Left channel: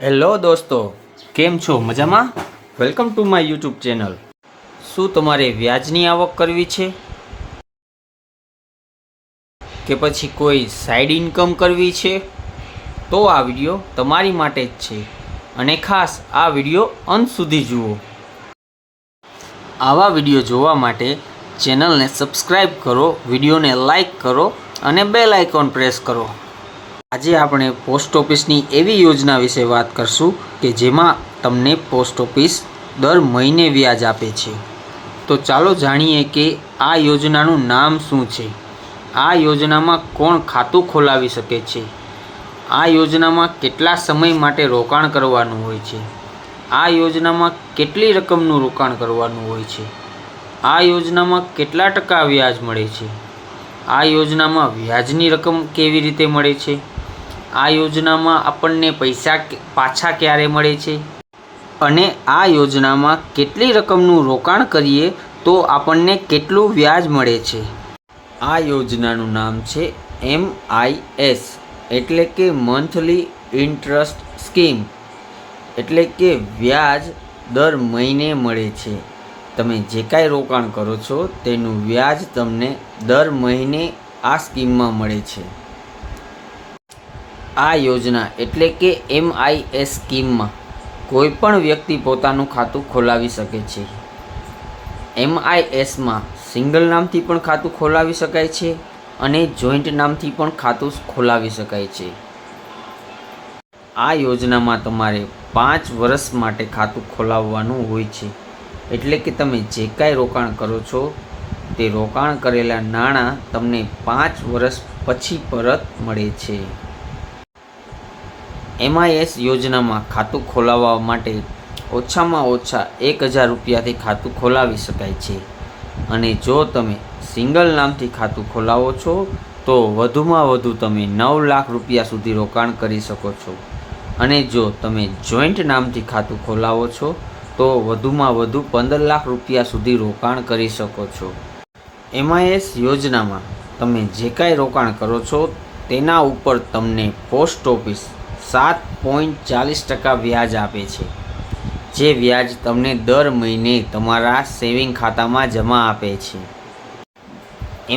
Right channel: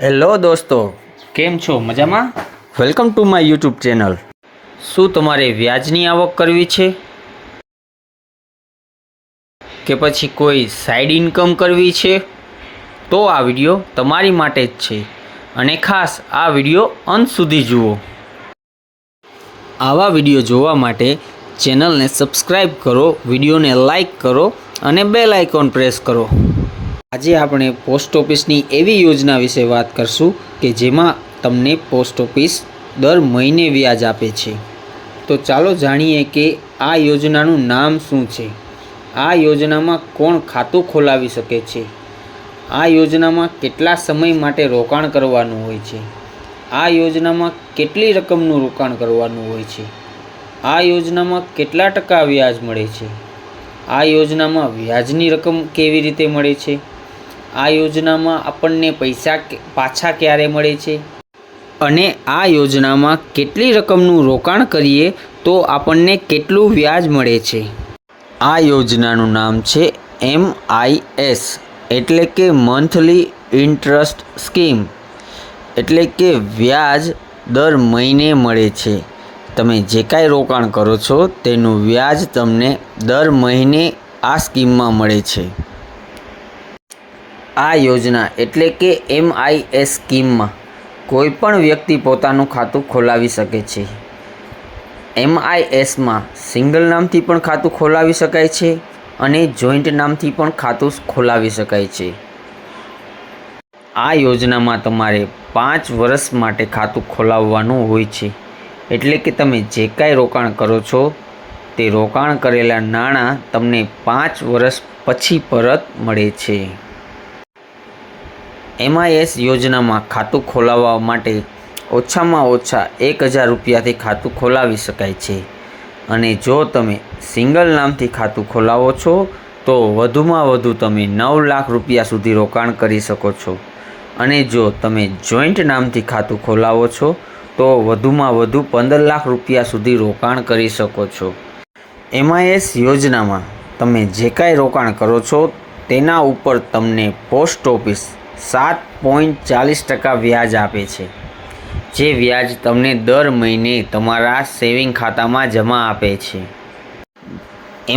Hello દોસ્તો, કેમ છો? મજામાં? Welcome to my YouTube channel. શું તમારે વ્યાજની આવક કરવી છે કે પછી કોઈ સાઈડ ઇન્કમ કરવી છે? તો આ વિડીયો તમારી માટે જ છે અને ખાસ આ વિડીયો અંત સુધી જુઓ. આવા વિડીયો જોવા માટે ચેનલને સબસ્ક્રાઈબ કરો, વિડીયોને લાઈક કરો અને બેલ આઇકોન પ્રેસ કરો. આજે આપણે પોસ્ટ ઓફિસની એવી યોજના વિશે વાત કરશું કે જેમાં તમને પોસ્ટ ઓફિસ દર મહિને વ્યાજ આપે છે. તો ચાલો જાણીએ કે આ યોજનાનું નામ શું છે, આ યોજનામાં કોણ ખાતું ખોલાવી શકે છે, આ યોજનામાં કેટલા સમય માટે રોકાણ કરવાનું હોય છે, આ યોજનામાં કેટલી રકમનું રોકાણ કરવાનું હોય છે, આ યોજનામાં કેટલા ટકા વ્યાજ મળે છે, આ યોજનામાં વ્યાજની રકમ કેવી રીતે મળે છે, આ યોજનામાં આપણને પૈસા પાછા ક્યારે મળે છે અને આ યોજનામાં કેટલી રકમનું રોકાણ કરીએ તો આપણને કેટલું વ્યાજ મળે છે. આ યોજનાનું નામ છે MIS એટલે કે મંથલી ઇન્ટરેસ્ટ સ્કીમ, એટલે કે વ્યાજ દર મહિને મળે છે. તમે જે કાંઈ રોકાણ કરો છો તેનું વ્યાજ તમને દર મહિને આ સ્કીમમાં મળે છે. આ યોજના એટલે કે MIS સ્કીમમાં કોઈ પણ વ્યક્તિ પોતાનું ખાતું ખોલાવી શકે છે. MISમાં સિંગલ નામથી પણ ખાતું ખોલાવી શકાય છે અને જોઈન્ટ નામથી પણ ખાતું ખોલાવી શકાય છે. આ યોજનામાં તમારે 5 વર્ષ માટે ખાતું ખોલાવવાનું હોય છે, એટલે કે તમે જે કાંઈ રોકાણ કરો છો તે રોકાણ કરેલા નાણાં તમને 5 વર્ષ પછી પરત મળે છે. MIS યોજનામાં ખાતું ખોલાવવા માટે ઓછામાં ઓછા 1000 રૂપિયાથી ખાતું ખોલાવી શકાય છે અને જો તમે સિંગલ નામથી ખાતું ખોલાવો છો તો વધુમાં વધુ તમે 9 લાખ રૂપિયા સુધી રોકાણ કરી શકો છો અને જો તમે જોઈન્ટ નામથી ખાતું ખોલાવો છો તો વધુમાં વધુ 15 લાખ રૂપિયા સુધી રોકાણ કરી શકો છો. MIS યોજનામાં તમે જે કાંઈ રોકાણ કરો છો તેના ઉપર તમને પોસ્ટ ઓફિસ 7.40% વ્યાજ આપે છે, જે વ્યાજ તમને દર મહિને તમારા સેવિંગ ખાતામાં જમા આપે છે.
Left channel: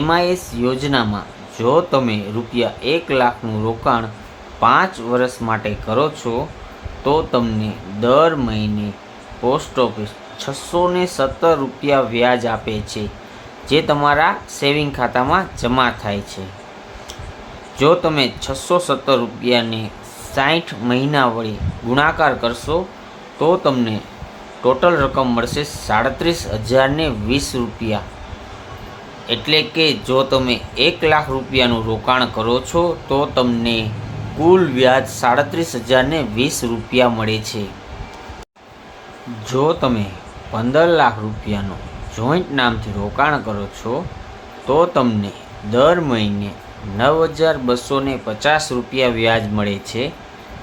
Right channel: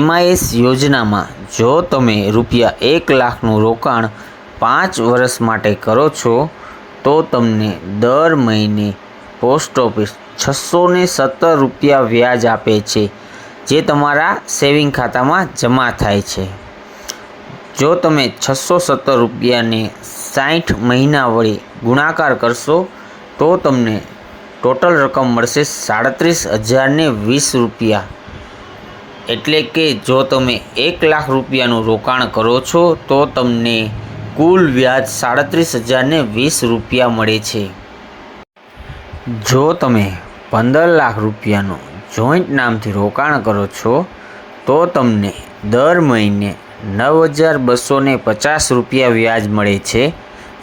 MIS યોજનામાં જો તમે રૂપિયા 1 લાખનું રોકાણ 5 વર્ષ માટે કરો છો તો તમને દર મહિને પોસ્ટ ઓફિસ 617 રૂપિયા વ્યાજ આપે છે, જે તમારા સેવિંગ ખાતામાં જમા થાય છે. જો તમે 617 રૂપિયાને 60 મહિના વડે ગુણાકાર કરશો તો તમને ટોટલ રકમ મળશે 37,020 રૂપિયા. એટલે કે જો તમે 1 લાખ રૂપિયાનું રોકાણ કરો છો તો તમને કુલ વ્યાજ 37,020 રૂપિયા મળે છે. જો તમે 15 લાખ રૂપિયાનું જોઈન્ટ નામથી રોકાણ કરો છો તો તમને દર મહિને 9,250 રૂપિયા વ્યાજ મળે છે,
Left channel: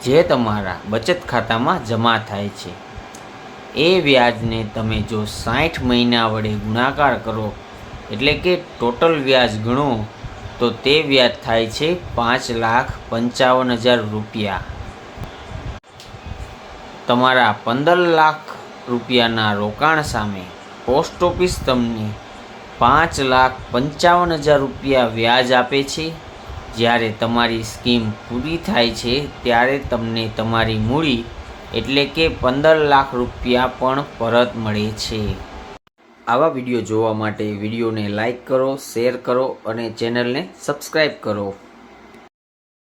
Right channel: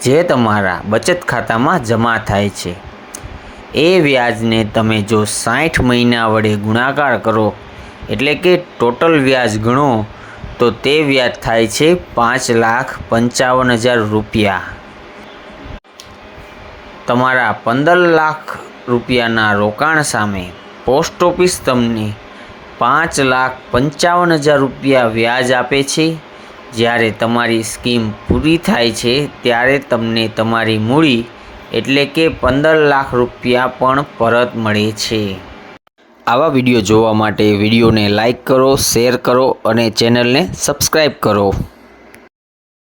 જે તમારા બચત ખાતામાં જમા થાય છે. એ વ્યાજને તમે જો 60 મહિના વડે ગુણાકાર કરો એટલે કે ટોટલ વ્યાજ ગણો તો તે વ્યાજ થાય છે 5,55,000 રૂપિયા. તમારા 15 લાખ રૂપિયાના રોકાણ સામે પોસ્ટ ઓફિસ તમને 5,55,000 રૂપિયા વ્યાજ આપે છે. જ્યારે તમારી સ્કીમ પૂરી થાય છે ત્યારે તમને તમારી મૂડી એટલે કે 15 લાખ રૂપિયા પણ પરત મળે છે. આવા વિડીયો જોવા માટે વિડીયોને લાઈક કરો, શેર કરો અને ચેનલને સબસ્ક્રાઈબ કરો.